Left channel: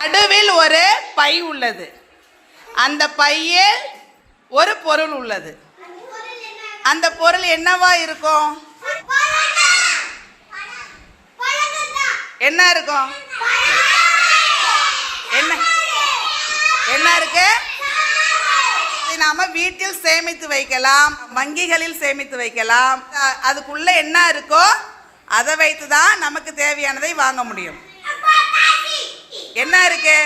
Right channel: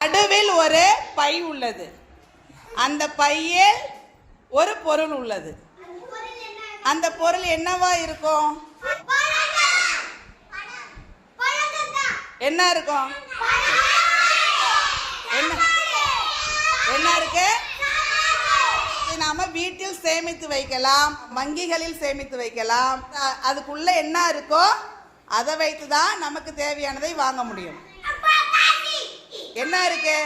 நடுவில் ஒரு பை உள்ளது. அந்த பையில் ஒரு பொருள் உள்ளது. அந்த பொருள் என்னவா இருக்கும்? என்ன இருக்கும்? என்ன? என்ன இருக்கு? நாம வீட்டில் சேமித்து வைக்கலாம் வங்கிகளில் சேமித்து வைக்கலாம். அதுக்குள்ள என்ன இருக்கோ அதை வைத்து தான் நமக்கு தேவையானதை வாங்க முடியும். என்ன இருக்கு?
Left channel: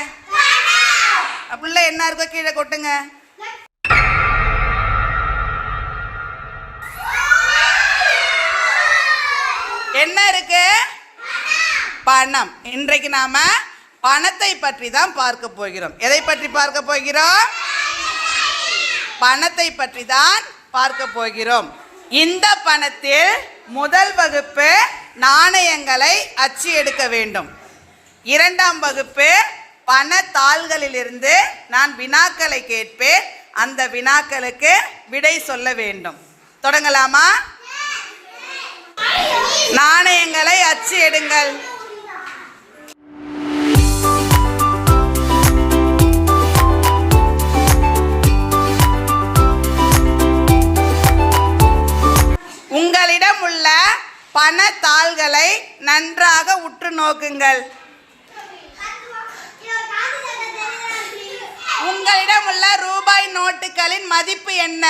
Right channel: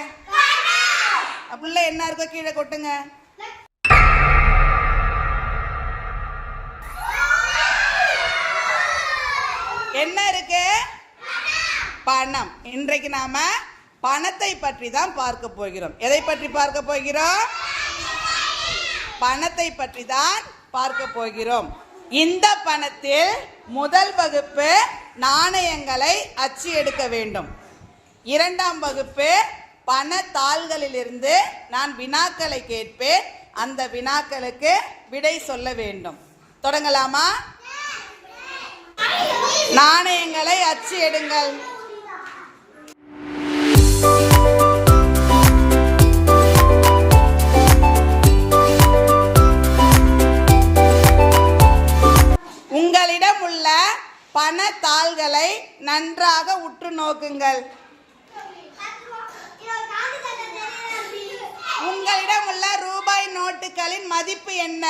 புள்ள என்ன இருக்கோ கீழே கொட்டுங்க. என்ன இருக்கு? பணம். இன்றைக்கு நாம பணத்தை பற்றி தான் பார்க்க போகிறோம். எதை பற்றி பார்க்க போகிறோம்? பணத்தை பற்றி தான் பார்க்க போகிறோம். இந்த பணத்தில் முதல் வகுப்பு நாணயங்களை அச்சு எடுக்க வேண்டும். இரண்டாம் வகுப்பு பணத்தாள்களிலிருந்து நான் வினாக்களை கேட்பேன். அந்த வினாக்களுக்கு விடை சொல்ல வேண்டும். தொடங்கலாமா? நாணயங்களை அச்சு எடுங்கள். உங்களிடம் உள்ள பணத்தாள்களை நன்றாக உற்று நோக்குங்கள் உங்களிடம் உள்ள ரூபாய் மதிப்பு என்ன?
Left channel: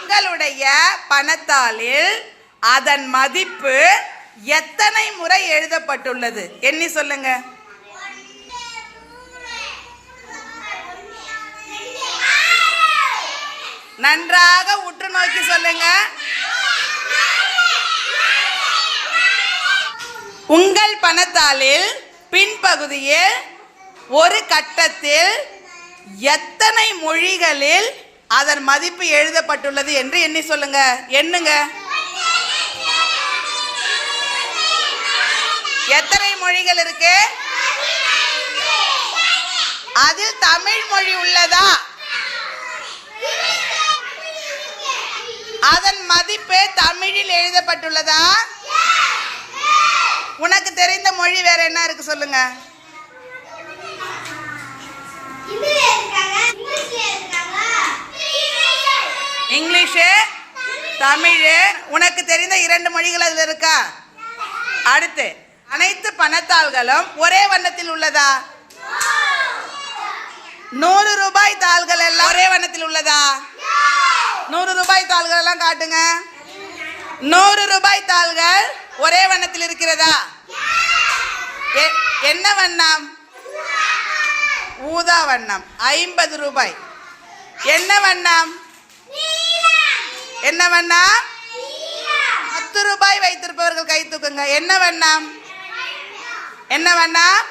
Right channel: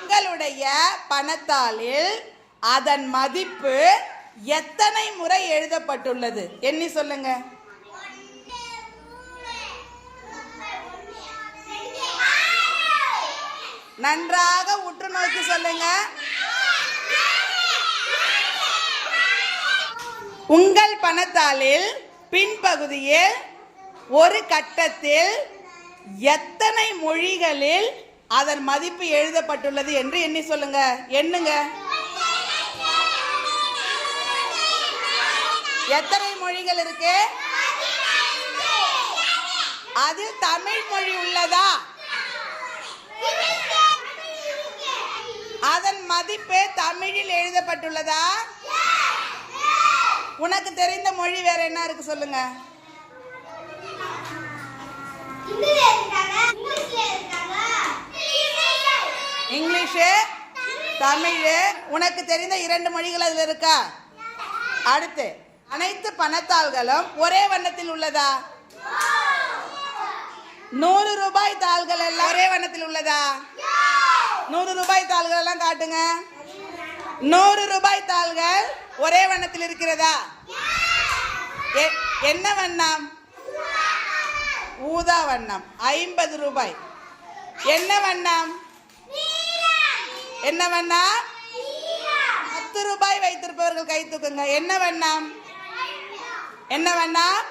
உங்களுடைய பணத்தாளில் அதன் மதிப்பு எத்தனை முறை எழுதப்பட்டுள்ளது? எண்ணி சொல்லுங்க. நன்றாக உற்று நோக்கி சொல்லுங்க. உங்கள் பணத்தாளில் பின்பகுதியில் ஒரு கட்டத்தில் எத்தனை மொழிகளில் அதன் மதிப்பு எழுதப்பட்டுள்ளது என்று எண்ணி சொல்லுங்க. எண்ணுங்க. எத்தனை மொழிகள் இருக்கு? அதில் தமிழ் மொழி உள்ளதா? அதன் மதிப்பு தமிழில் எழுதப்பட்டுள்ளதா? உனக்கு தெரிந்த மொழி வேற என்ன இருக்கு சொல்லுங்க. இங்கிலீஷு தமிழ் உனக்கு தெரிந்த இரண்டு மொழிகள் அதில் இருக்கா? அடுத்து அனைத்து பணத்தாள்களும் ஒரே வண்ணத்தில் உள்ளதா? நூறு ரூபாய் தாள்கள் எல்லாம் ஒரே வண்ணத்தில் உள்ளதா? நூறு ரூபாய் தாள்கள் எல்லாம் காட்டுங்க. நூறு ரூபாய் தாள்கள் ஒரே வண்ணத்தில் இருக்கிறதா? எ- என்ன வண்ணம்? ஊதா வண்ணம். ஐம்பது ரூபாய். என்ன வண்ணம்? என்ன வண்ணம்? பத்து ரூபாய் வைத்திருப்பவர்கள் கை தூக்குங்க. என்ன வண்ணம்? என்ன வண்ணம்?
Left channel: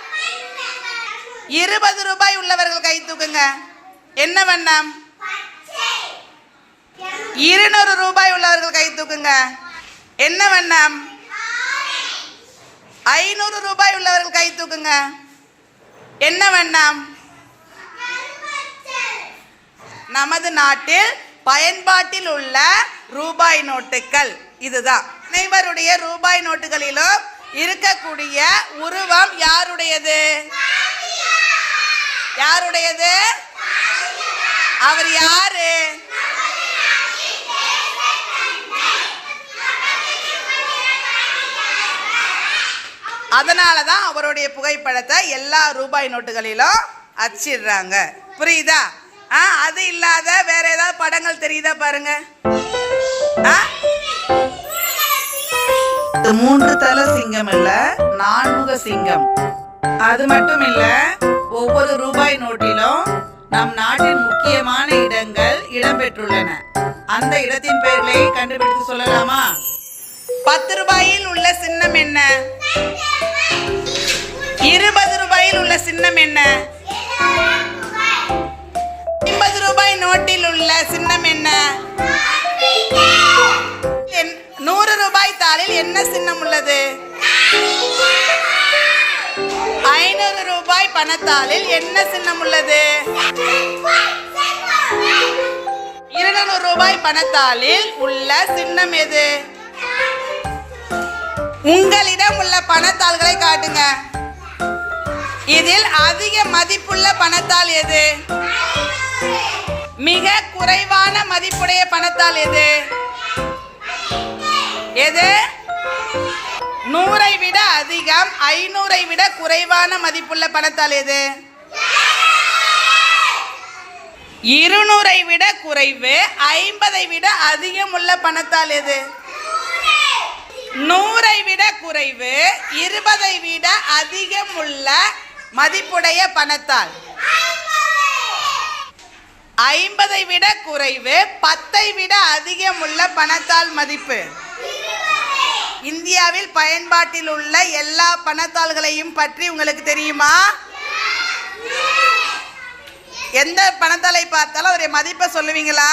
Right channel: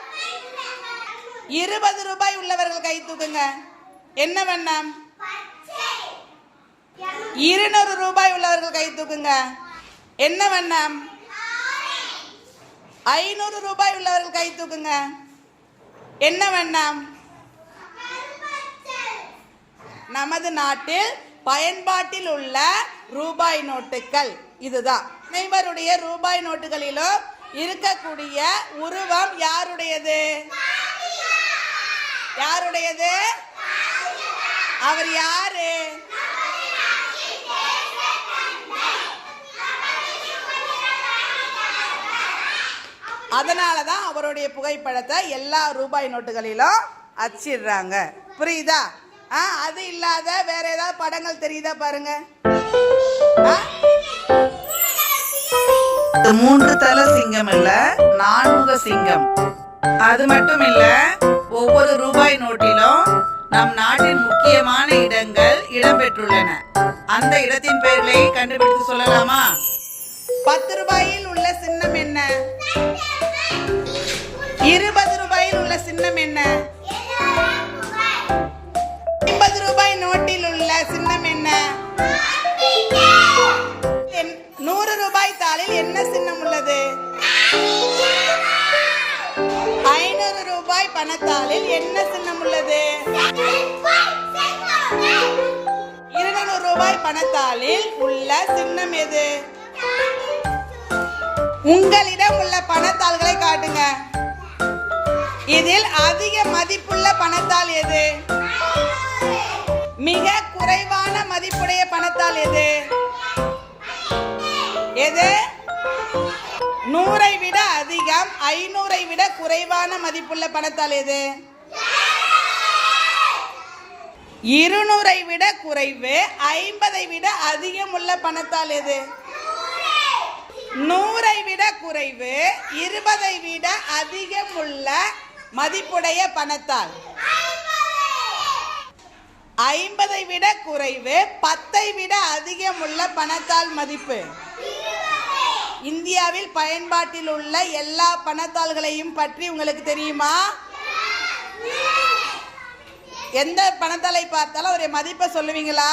இருபது ரூபாய் உள்ளவர்கள் கை தூக்குங்க. என்ன வண்ணம்? இருநூறு ரூபாய் உள்ளவர்கள் கை தூக்குங்க. என்ன வண்ணம்? ஐநூறு ரூபாய் உள்ளவர்கள் கை தூக்குங்க. என்ன வேண்டாம் நமது நாட்டில் பயன்பாட்டில் உள்ள ரூபாய் நோட்டுகள் இதுதான். அனைவருடைய ரூபாய் நோட்டுகளிலும் இருக்கக்கூடிய உருவம் யாருடையது? யாருடையது? அவர் யாரு? அதனால தான் அவருடைய புகைப்படத்தை எல்லா ரூபாய் நோட்டுகளிலும் அச்சிடுறாங்க. புரியுதா? ஆ அது இல்லாத வேற ஏதாவது படங்கள் தெரியுதா பாருங்க? ஆ? இது மூன்று தல சிங்கம் இல்ல நான்முக சிங்கம். அது மட்டும் இல்ல ஒவ்வொரு ரூபாய் நோட்டிலும் நம் நாட்டின் முக்கியமான இடங்கள் இடம்பெற்றுள்ளன. அந்த இடத்தின் பெயர்களை கண்டுபிடித்து சொல்லலாமா? பத்து ரூபாயில் உள்ள சின்னம் என்ன? இருபது ரூபாயில் உள்ள சின்னம் என்ன? ஐம்பது ரூபாய் நோட்டில் உள்ள சின்னம் என்ன? என்- நூறு ரூபாய் தாளில் என்ன சின்னம் உள்ளது? ஐநூறு ரூபாய் பணத்தாளில் என்ன சின்னம் உள்ளது? இருநூறு ரூபாய் பணத்தாளில் உள்ள சின்னம் எது? உங்களிடம் உள்ள பணத்தாள்களை காட்டுங்க. இதில் அதிக மதிப்புள்ள பணத்தாள் எது? மிக குறைவான மதிப்புடைய பணத்தால் எது? எது? நூறை விட அதிகம் ஐநூறை விட குறைவான மதிப்புள்ள பணத்தால் எது? இருநூறை விட குறைவு ஐம்பதை விட அதிகம் உள்ள பணத்தால் எது? நூறை விட குறைவு இருபதை விட அதிகம் உள்ள மதிப்புடைய பணத்தால். ஐம்பதை விட குறைவு பத்தை விட அதிகம் உள்ள பணத்தால் மதிப்பு. இந்தியாவில் பயன்பாட்டில் உள்ள எல்லா பணத்தாள்களையும் பற்றி உங்களுக்கு தெரியுமா? எந்த பணத்தாளை பார்த்தாலும் அவருடைய மதிப்பை சொல்லுவீங்களா?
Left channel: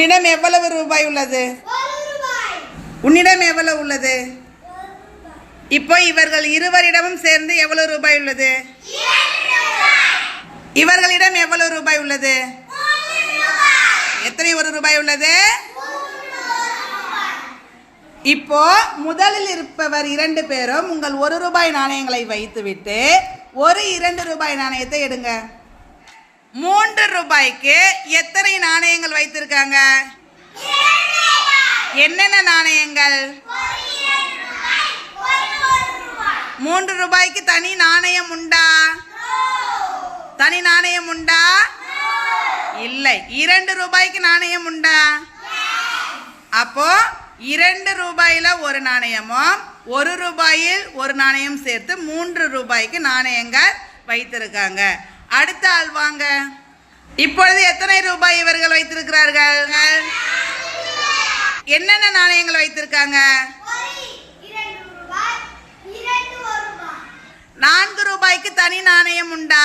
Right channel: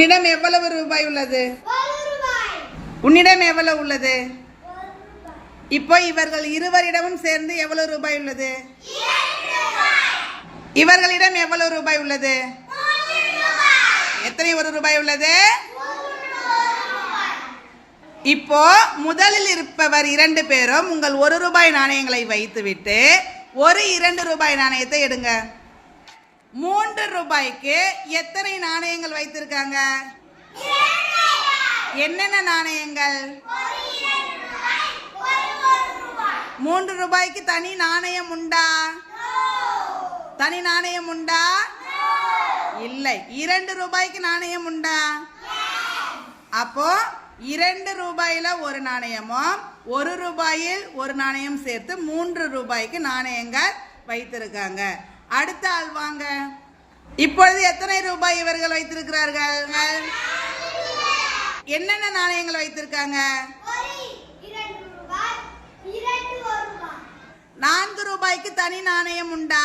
உன்னிடம் எவ்வளவு ரூபாய் உள்ளது? உன்னிடம் எவ்வளவு உள்ளது? இப்போ இவர்கள் இருவரிடமும் சேர்ந்து எவ்வளவு ரூபாய் உள்ளது? இவர்களிடம் எவ்வளவு ரூபாய் உள்ளது? எத்தனை ஒரு ரூபாய் உள்ளது? இப்போ முதலில் இருப்பவர் இரண்டு பேரும் உங்கள் ஒரு ரூபாய் நாணயங்களை வைத்துவிட்டு ஒரு இரண்டு ரூபாய் நாணயத்தை எடுங்க. மூன்று ரூபாய்க்கு எத்தனை நாணயங்கள் வைத்திருக்காங்க? என்னென்ன நாணயங்கள்? மூன்று ரூபாய்க்கு தனி நாணயம் உண்டா? தனி நாணயம் உண்டா? இல்லை. இரண்டு ரூபாய்க்கு நாணயம் உண்டா? அப்போ இரண்டு ரூபாயில ஒரு நாணயமும் ஒரு ரூபாயில் ஒரு நாணயம் சேர்த்து மூன்று ரூபாய்க்கு நாணயங்கள் வைத்திருக்காங்க. அடுத்த ஆள் வாங்க. இப்பொழுது எத்தனை ரூபாய் இவர்கள் வைத்திருக்கிறார்கள்? என்னென்ன நாணயங்கள் வைத்திருக்காங்க? நான்கு ரூபாய்க்கு தனி நாணயம் உண்டா?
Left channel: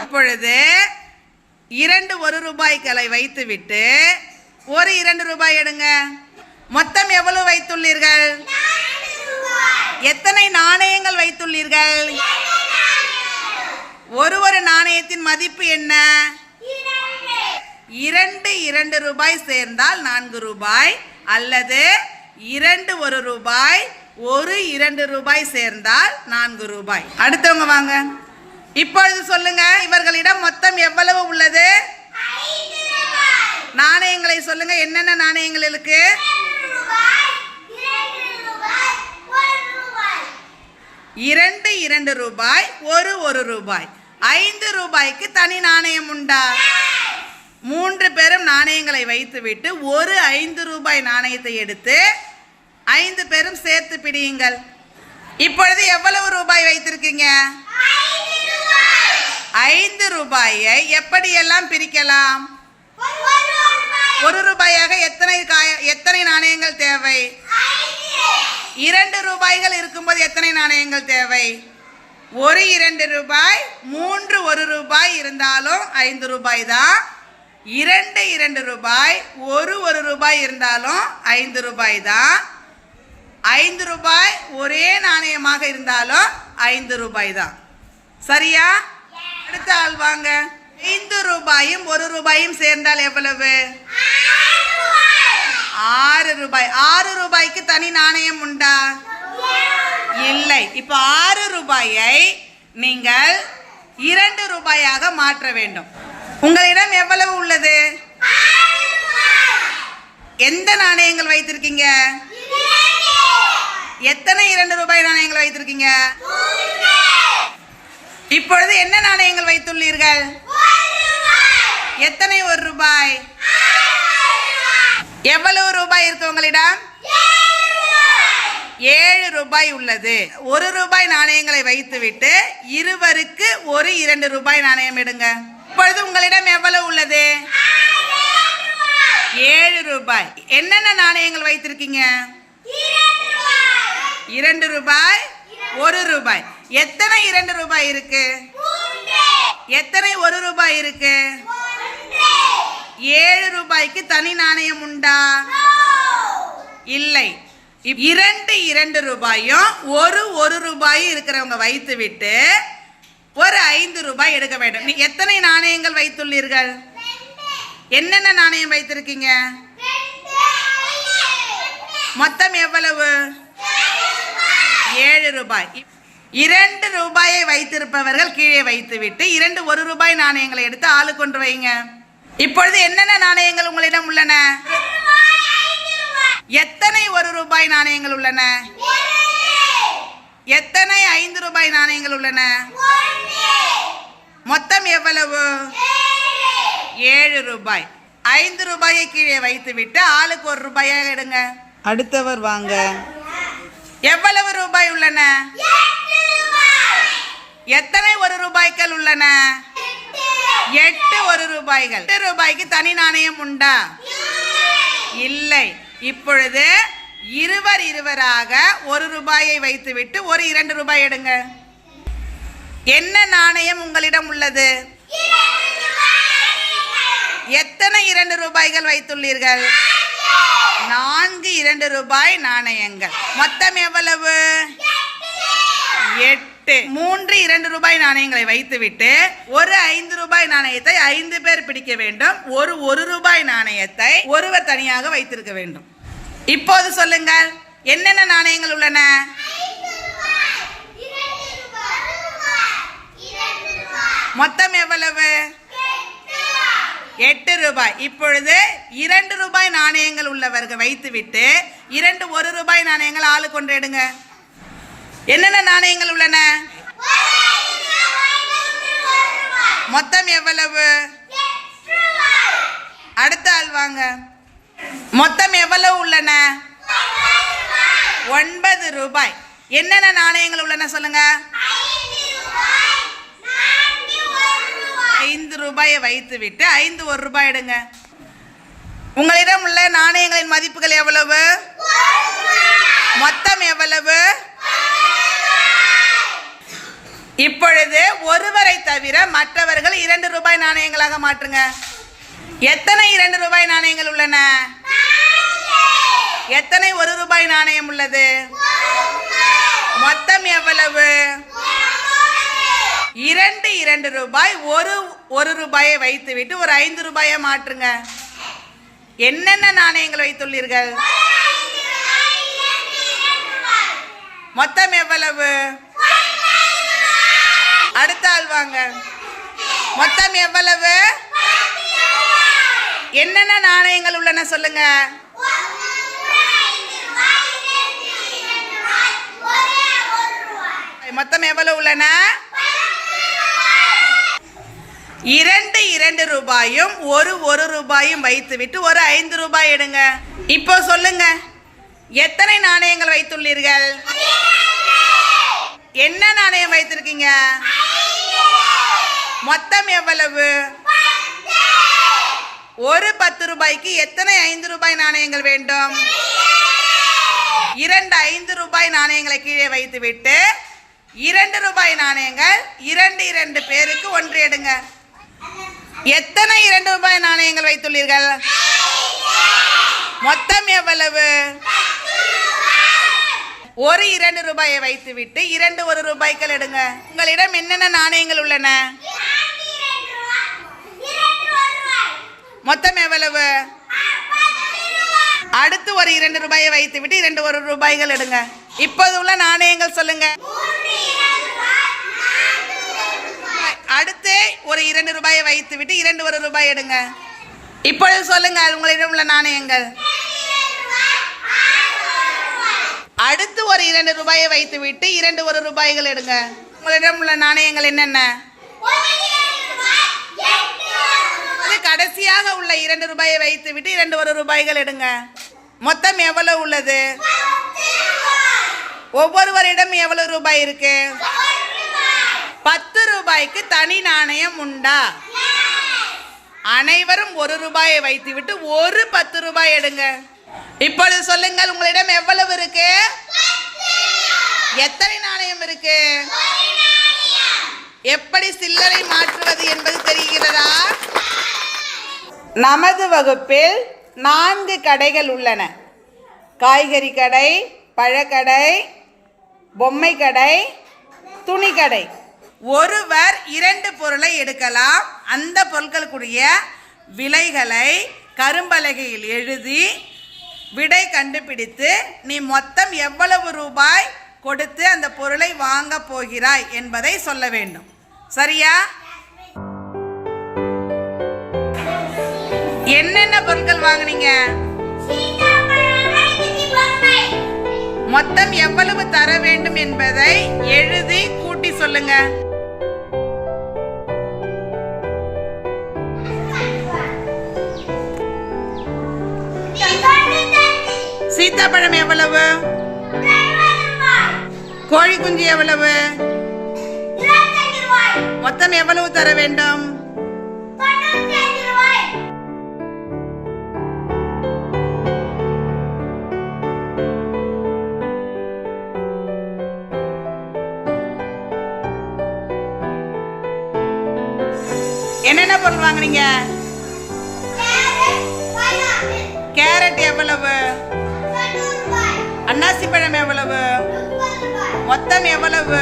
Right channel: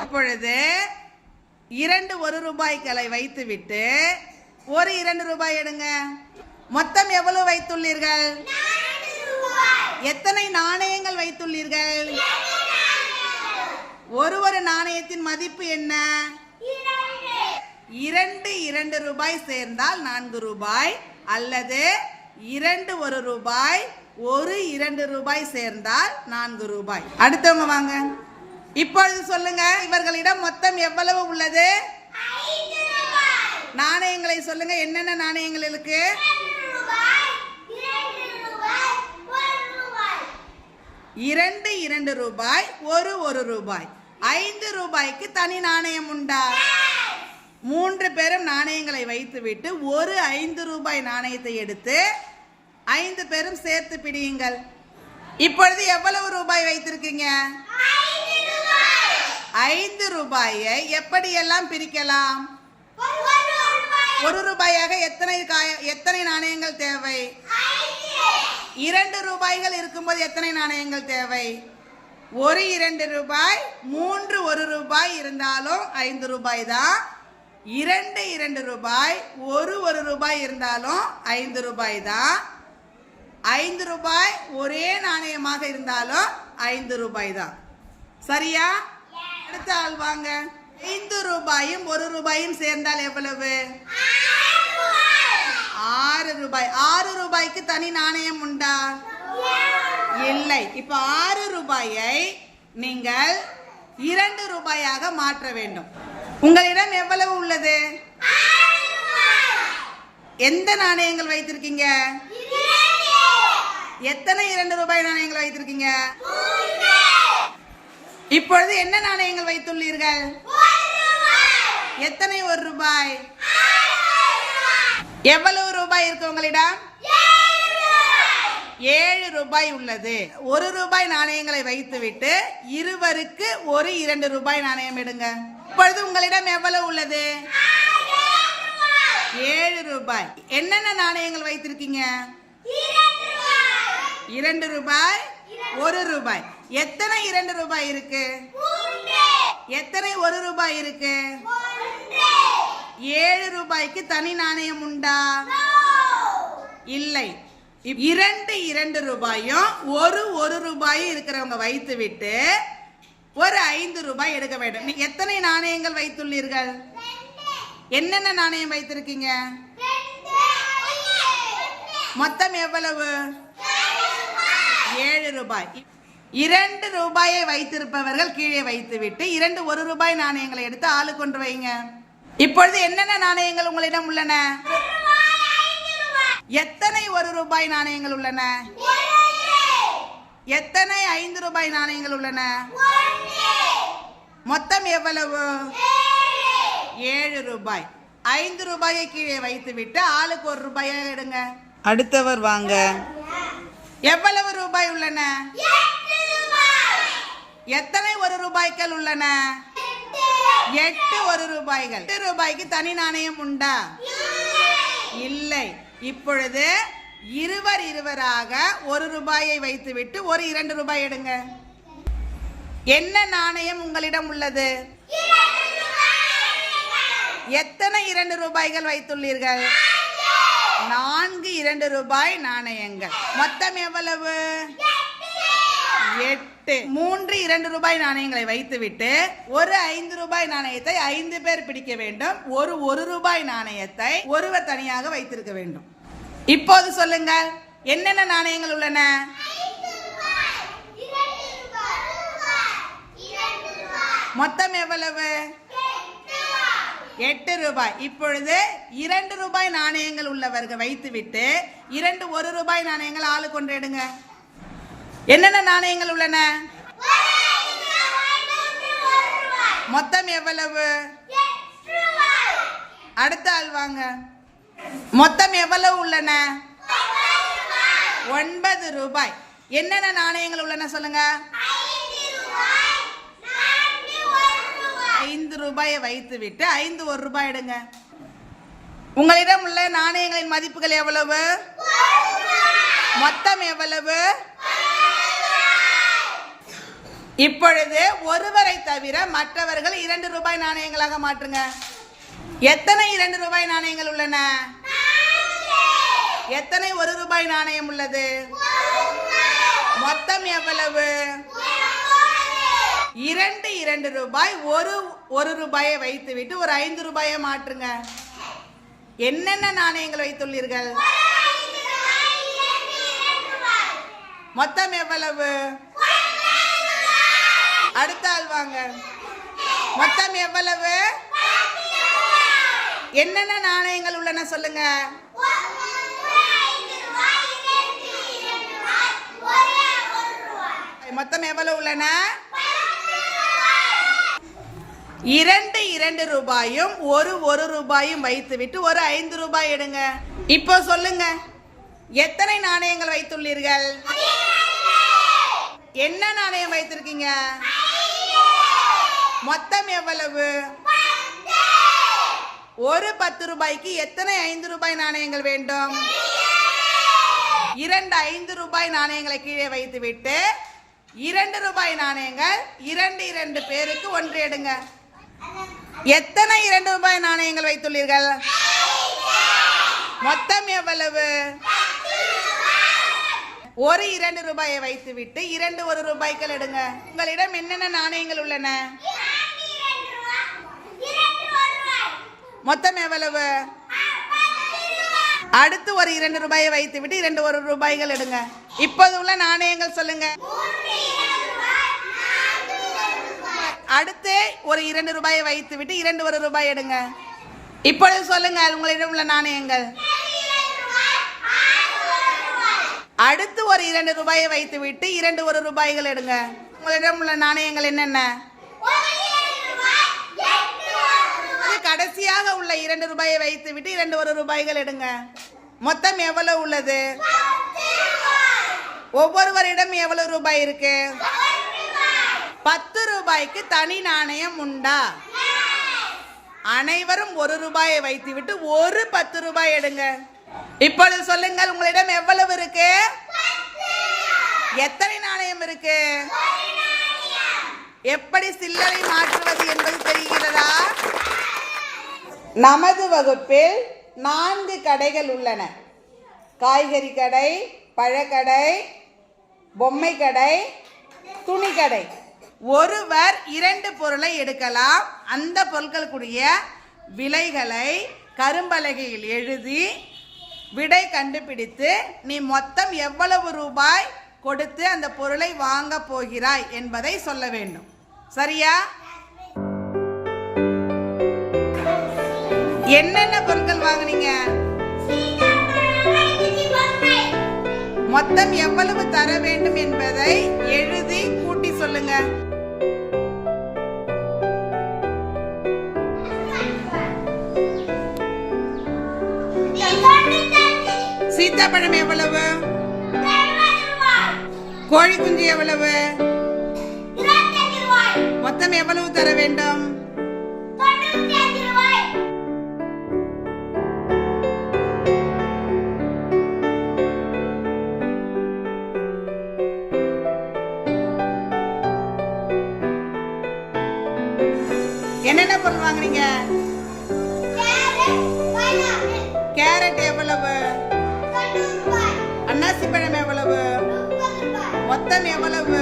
இப்பொழுது இரண்டு ஒரு ரூபாய்களை வைத்துவிட்டு ஒரு இரண்டு ரூபாய் எடுங்க. மொத்தம் எவ்வளவு வைத்துள்ளீர்கள்? எத்தனை நாணயங்கள் வைத்துள்ளீர்கள்? ஒரு ஒரு நாணயத்தின் மதிப்பு என்ன? இரண்டு. இரண்டு ரூபாய் சேர்ந்தால் நான்கு ரூபாய். அல்லது இரண்டு ஒரு ரூபாய். ஒரு இரண்டு ரூபாய் சேர்ந்தால் நான்கு ரூபாய். அடுத்தவங்க வாங்க. இப்பொழுது சொல்லுங்க இவர்களிடம் மொத்தம் எவ்வளவு உள்ளது? நாணயங்களை சொல்லுங்க என்னென்ன நாணயங்கள் இருக்கு? இரண்டு இரண்டு ரூபாய். ஒரு ஒரு ரூபாய். ஐந்து ரூபாய்க்கு தனி நாணயம் உண்டா? மூன்று பேரும் நாணயங்களை வைத்துவிட்டு ஒரு ஐந்து ரூபாய் நாணயத்தை எடுத்து ஐந்து பேரும் சேர்த்து பிடியுங்கள். இப்பொழுது எவ்வளவு ரூபாய் வைத்திருக்கீங்க? ஐந்து ரூபாயை எப்படியெல்லாம் பிரிக்கலாம்? ஒரு ரூபாயாக எத்தனை காய எத்தனை நாணயங்கள் தேவை? இரண்டு ரூபாய்கள் இருக்கும்போது எத்தனை நாணயங்கள் தேவை? ஒரு இரண்டு ரூபாய் மூன்று ஒரு ரூபாய் இருந்தாலும் ஐந்து ரூபாய் தான். இரண்டு இரண்டு ரூபாய் ஒரு ஒரு ரூபாய் இருந்தாலும் ஐந்து ரூபாய் தான். ஐந்து ரூபாய் ஒரே நாணயமாக இருந்தாலும் ஐந்து ரூபாய் தான். சரியா? அடுத்த ஆள் வாங்க. ஐந்து ரூபாயும் ஒரு ரூபாயும் சேர்ந்தால் எவ்வளவு? ஆறு ரூபாய். ஆறு ரூபாய்க்கு தனி நாணயம் உண்டா? இல்லை. இப்போ ஆறு ரூபாயை நீங்கள் இரண்டு ரூபாயாக மாற்ற வேண்டும். உங்களிடம் எவ்வளவு உள்ளது? எந்த நாணயங்கள் வைத்திருக்கீங்க? எத்தனை இரண்டு ரூபாய் நாணயங்கள் வைத்திருக்கீங்க? இப்பொழுது என்ன நாணயங்கள் வைத்துள்ளீர்கள்? எத்தனை ஒரு ரூபாய்? எவ்வளவு ரூபாய் இருக்கு உங்களிடம்? ஏழு ரூபாய் உள்ளது. ஒரு ரூபாய் நாணயங்களை வைத்துவிட்டு இருவருக்கு ஒரு இரண்டு ரூபாய் நாணயம் எடுங்க. இப்பொழுது உங்களிடம் எவ்வளவு உள்ளது? ஏழு ரூபாய். என்னென்ன நாணயங்கள் வைத்திருக்கீங்க? இரண்டு ரூபாய். ஒரு ரூபாய். எத்தனை இரண்டு ரூபாய் இருக்கு? எத்தனை ஒரு ரூபாய் இருக்கு? ஏழு ரூபாய்க்கு தனி நாணயம் உண்டா? இல்லை. இரண்டு இரண்டு ரூபாயும் ஒரு ஒரு ரூபாயும் இருக்கிறவங்க வைத்து விட்டு ஒரு ஐந்து ரூபாய் எடுக்க வேண்டும். நீ எத்தனை நாணயங்கள் வைத்துள்ளீர்கள்? என்னென்ன நாணயம் வைத்திருக்கீங்க? மொத்தம் எவ்வளவு? ஏழு ரூபாய். இரண்டு ரூபாயை வைத்திருப்பவர்கள் கீழே வைத்துவிட்டு இரண்டு ஒரு ரூபாய் நாணயங்களை எடுத்து ஆளு கொண்டு வைங்க. இப்பொழுது என்னென்ன நாணயங்கள் உங்களிடம் உள்ளன? எத்தனை ஒரு ரூபாய் நாணயங்கள் உள்ளன? எத்தனை ஐந்து ரூபாய் நாணயங்கள் உள்ளன? மொத்தம் எவ்வளவு? ஏழு ரூபாய். ஐந்து ரூபாயை கீழே வைத்துவிட்டு ஆளுக்கு ஒரு ரூபாயாக எடுங்க. அடுத்தவர் வாங்க. எவ்வளவு ரூபாய் உள்ளன? எத்தனை ஒரு ரூபாய்கள் உள்ளன? எட்டு ஒரு ரூபாய்கள். எட்டு ரூபாய்க்கு தனி நாணயம் உண்டா? இல்லை. இப்பொழுது இருவர் இருவராக ஒரு ரூபாயை வைத்துவிட்டு ஒரு இரண்டு ரூபாய் எடுங்க. என்ன நாணயம் உங்களிடம் உள்ளது? எத்தனை இரண்டு ரூபாய்கள் வைத்துள்ளீர்கள்? நான்கு இரண்டு ரூபாய் நாணயங்கள். மொத்தம் எவ்வளவு? எட்டு. மூன்று இரண்டு ரூபாய் நாணயங்களை வைத்துவிட்டு ஒரு ஐந்து ரூபாய் நாணயத்தை ஐந்து பேர் பிடிக்க வேண்டும். ஒரு ஒரு ரூபாய் நாணயத்தை ஒருவர் தனியாக வைத்திருக்க வேண்டும். இப்போது சொல்லுங்கள் என்னென்ன நாணயங்கள் உள்ளன? மொத்தம் எவ்வளவு? எட்டு ரூபாய். இப்பொழுது இரண்டு ரூபாய் நாணயங்கள் உள்ளவர்கள் வைத்துவிட்டு இரண்டு ஒரு ரூபாய் நாணயங்கள் ஆளு கொண்டு எடுங்க. என்னென்ன நாணயங்கள் உள்ளன? மொத்தம் எவ்வளவு? அடுத்த ஆள் வாங்க. மொத்தம் எவ்வளவு உள்ளன? ஒன்பது ரூபாய். என்னென்ன நாணயங்கள் உள்ளன சொல்லுங்க? ஐந்து ரூபாயை வைத்துவிட்டு ஐந்து ஒரு ரூபாய் எடுங்க. உங்களிடம் உள்ள நாணயங்களின் மதிப்புகள் எவ்வளவு? மொத்தம் எவ்வளவு? இப்பொழுது ஒருவரை தவிர மற்றவர்கள் இரண்டு ரூபாய் நாணயங்களாக மாற்றுங்க. எத்தனை இரண்டு ரூபாய் நாணயங்கள் உள்ளன? எத்தனை ஒரு ரூபாய் நாணயம் உள்ளது? மொத்தம் எவ்வளவு? இரண்டு இரண்டு ரூபாய் ஒரு ஒரு ரூபாயை வைத்துவிட்டு ஒரு ஐந்து ரூபாயை மாற்றுங்க. என்னென்ன நாணயங்கள் வைத்துள்ளீர்கள்? மொத்தம் எவ்வளவு? அடுத்த ஆள் வாங்க. மொத்தம் எவ்வளவு? என்னென்ன நாணயங்கள் உள்ளன சொல்லுங்க. மொத்தம் எவ்வளவு உள்ளன? இரண்டு இரண்டு ரூபாயும் ஒரு ஒரு ரூபாயும் வைத்துவிட்டு ஒரு ஐந்து ரூபாய் எடுங்க. இப்போ சொல்லுங்க. எத்தனை நாணயங்கள் வைத்துள்ளீர்கள்? என்ன நாணயம் வைத்திருக்கீங்க? மொத்தம் எவ்வளவு? ஒரு பத்து ரூபாய்க்கு எத்தனை ஐந்து ரூபாய் நாணயங்கள் வேண்டும்? இரண்டு ஐந்து ரூபாய் நாணயங்களை கீழே வைத்துவிட்டு இரண்டு ரூபாய் நாணயங்கள் இரண்டு இரண்டு பேருக்கு ஒன்று எடுங்க. எத்தனை இரண்டு ரூபாய் நாணயங்கள் வைத்துள்ளீர்கள்? மொத்தம் எவ்வளவு? ஒரு இரண்டு ரூபாயை வைத்துவிட்டு இரண்டு ஒரு ரூபாய்கள் எடுங்க. உங்களிடம் என்னென்ன நாணயங்கள் உள்ளன? மொத்தம் எவ்வளவு? அடுத்து ஒரு இரண்டு ரூபாயை வைத்து விட்டு இரண்டு ஒரு ரூபாய்கள் எடுங்க. இப்போது உள்ள நாணயங்கள் சொல்லுங்க. அடுத்து ஒரு இரண்டு ரூபாயை வைத்து விட்டு இரண்டு ஒரு ரூபாய் எடுங்க. இப்பொழுது சொல்லுங்க உங்களிடம் உள்ள நாணயங்கள். அடுத்து ஒரு இரண்டு ரூபாயை வைத்து விட்டு இரண்டு ஒரு ரூபாய்கள் எடுங்க. உங்களிடம் உள்ள நாணயங்கள் என்னென்ன? கடைசியாக உள்ள இரண்டு ரூபாயை வைத்து விட்டு இரண்டு ஒரு ரூபாய்கள் எடுங்க. மொத்தம் எவ்வளவு உள்ளது? ஒவ்வொருவரிடம் எவ்வளவு ரூபாய் இருக்கு? பத்து ரூபாய்க்கு தனி நாணயம் உண்டா? அனைவரும் ஒரு ரூபாயை வைத்துவிட்டு ஒரு பத்து ரூபாய் எடுங்க. இப்பொழுது சொல்லுங்கள் உங்களிடம் எவ்வளவு இருக்கு? எத்தனை நாணயம் இருக்கு? எப்படி சில்லறை மாற்றுவது என்பது தெரிகிறதா? நமது வகுப்பில் நான்கு கடைகள் உள்ளன. காய்கறி கடை பழக்கடை பொம்மை கடை துணி கடை. ஒருவர் இரண்டு பொருளை எடுக்கலாம். அந்த பொருட்களுக்குரிய விலைகளை கரும்பலகையில் எழுதி விடை கண்டுபிடித்து நீ மொத்தம் எவ்வளவு ரூபாய் கொடுத்து அந்த பொருளை வாங்க போகிறாய்? என்பதை சொல்ல வேண்டும். சரியா? என்னென்ன பொருட்கள் வாங்குனீங்க? மொத்தம் எவ்வளவு தர வேண்டும் என்பதை எழுதி கூட்டி சொல்லுங்க. சீத்தாப்பழம் எவ்வளவு? கோழி குஞ்சு எவ்வளவு? மொத்தம் எவ்வளவு தர வேண்டும்? என்னென்ன பொருள் வாங்குனீங்க? கேரட் எவ்வளவு? அன்னாசி பழம் எவ்வளவு? மொத்தம் எவ்வளவு?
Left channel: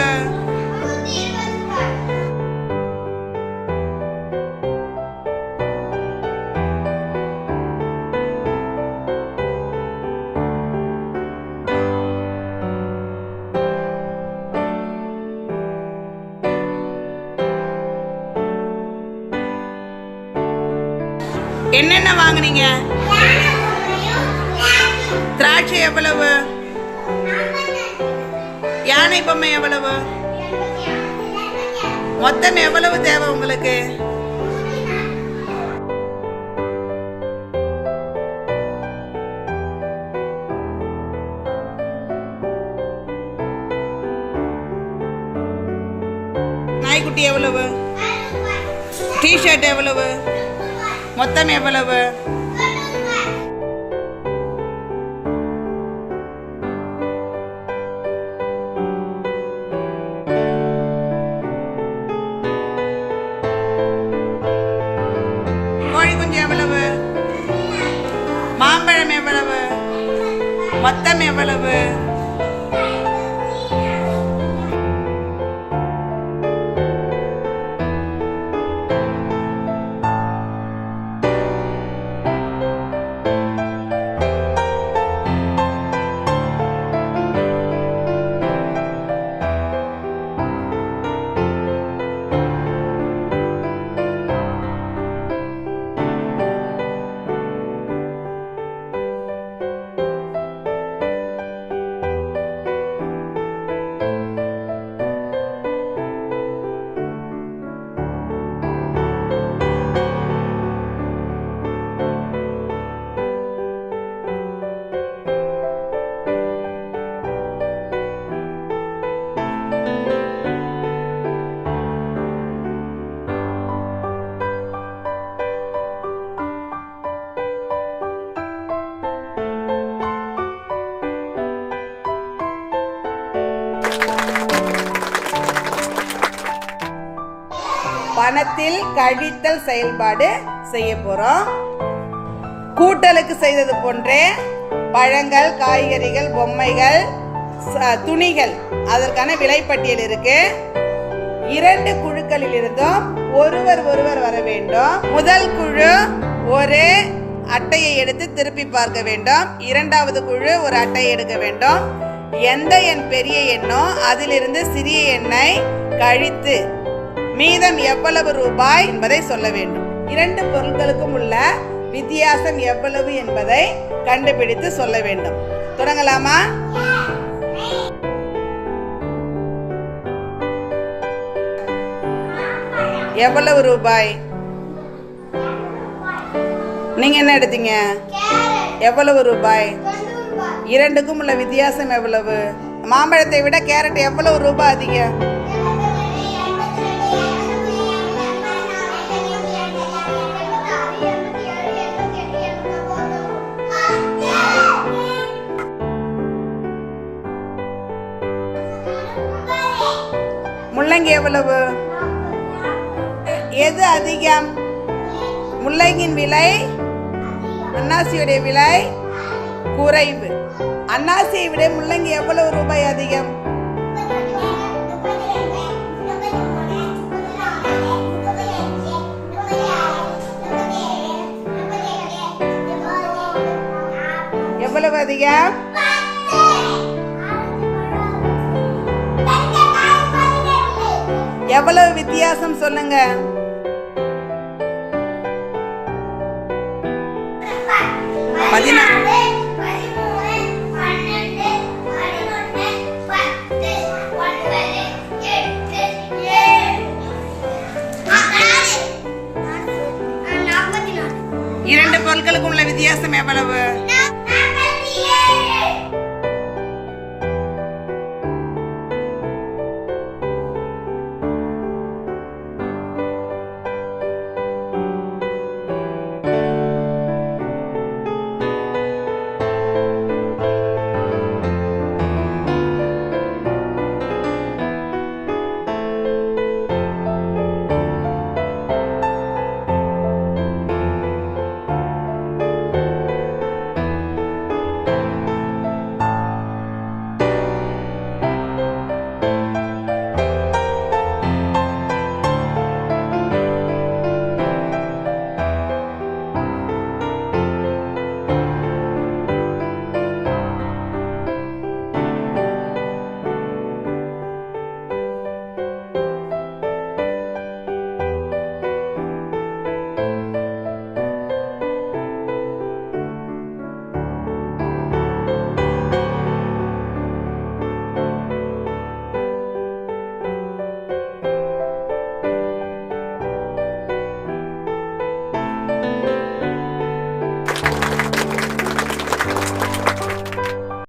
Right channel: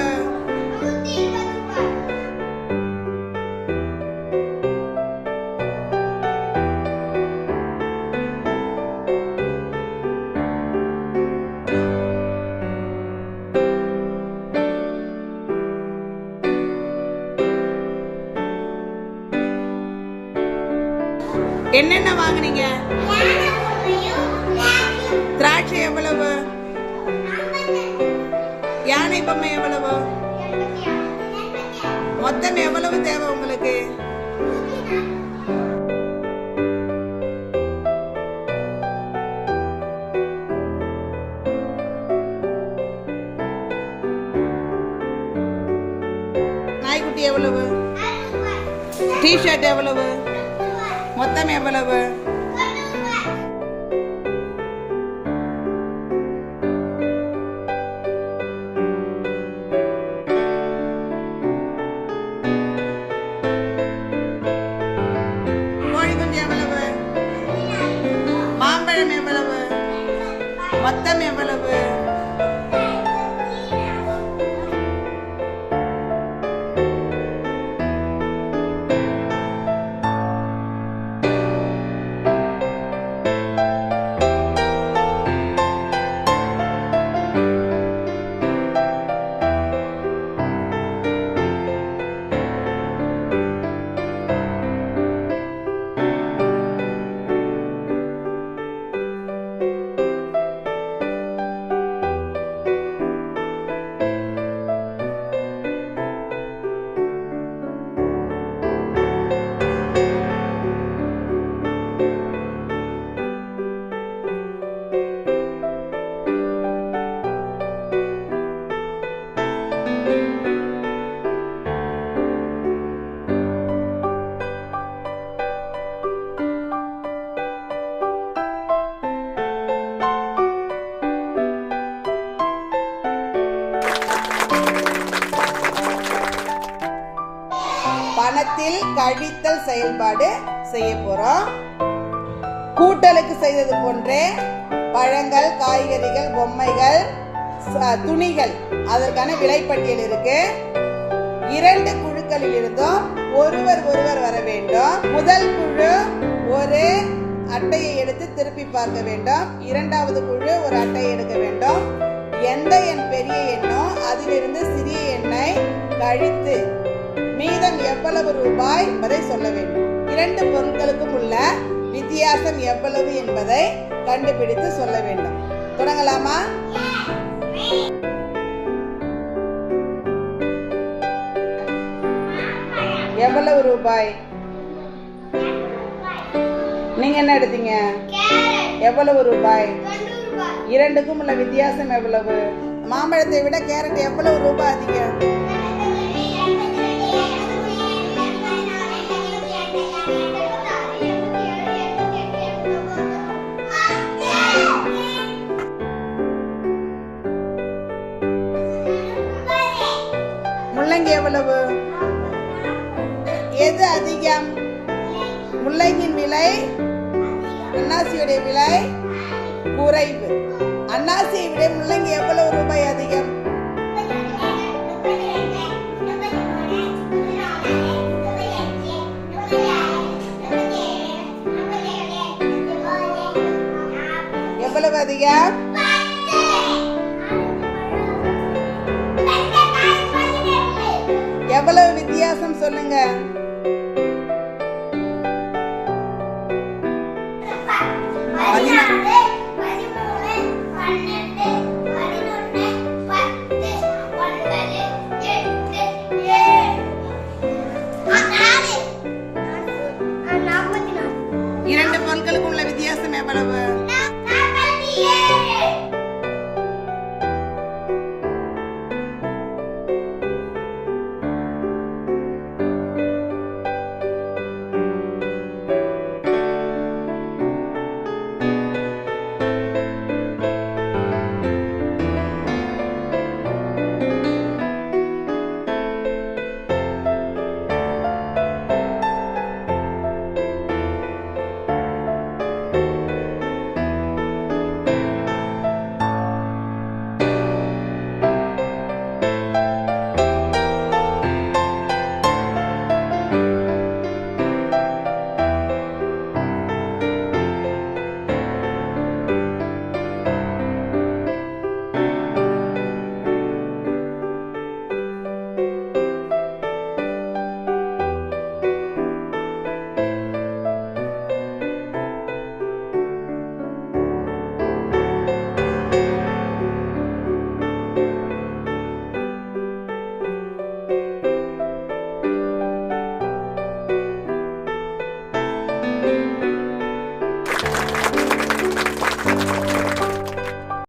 என்னென்ன வாங்குனீங்க? திராட்சை எவ்வளவு? யானை பொம்மை எவ்வளவு? மொத்தம் எவ்வளவு தேவை உங்களுக்கு? நாய்க்குட்டி எவ்வளவு? டிஷர்ட் எவ்வளவு? மொத்தம் எவ்வளவு? கணத்தில் கழித்தல் செயல்பாடு செய்ய போறோம். கூட்டலுக்கு செய்தது போன்றே பழங்கள் காய்கறிகள் பொம்மைகள் ச- துணிகள் அதற்கான விலைப்பட்டியல் இருக்கு. இரண்டு குழுக்களில் இருந்தும் ஒருவர் ஒருவர் வர வேண்டும். முதல் குழு ஒரு அட்டையை எடுத்து திருப்பி பார்க்க வேண்டும். இரண்டாவது குழு ஒரு அட்டையை எடுக்க வேண்டும். எந்த எண் பெரிய எண்ணோ அதிலிருந்து சிறிய எண்ணை கழித்து மீதம் எவ்வளவு ரூபாய் என்பதை சொல்ல வேண்டும். இரண்டு பொருட்களுக்கும் உள்ள வித்தியாசம் எவ்வளவு என்பதை கண்டுபிடித்து சொல்ல வேண்டும். தொடங்கலாமா? எவ்வளவு ரூபாய்? நீங்க என்ன எடுத்தீங்க? எவ்வளவு ரூபாய். இரண்டுக்கும் உள்ள வித்தியாசம் எவ்வளவு? மாம்பழத்தை விட கேரட் எவ்வளவு ரூபாய் அதிகம்? முள்ளங்கி எவ்வளவு? எது அதிகம்? முள்ளங்கியின் விலை? அன்னாசியுடைய விலை? குறைவு. அன்னாசியை விட முள்ளங்கி எவ்வளவு ரூபாய் அதிகம்? எவ்வளவு அதிகம்? எவ்வளவு வித்தியாசம் சொல்லுங்க. பதினா- இரண்டு பொருட்களுக்கு உள்ள வித்தியாசம் எவ்வளவு?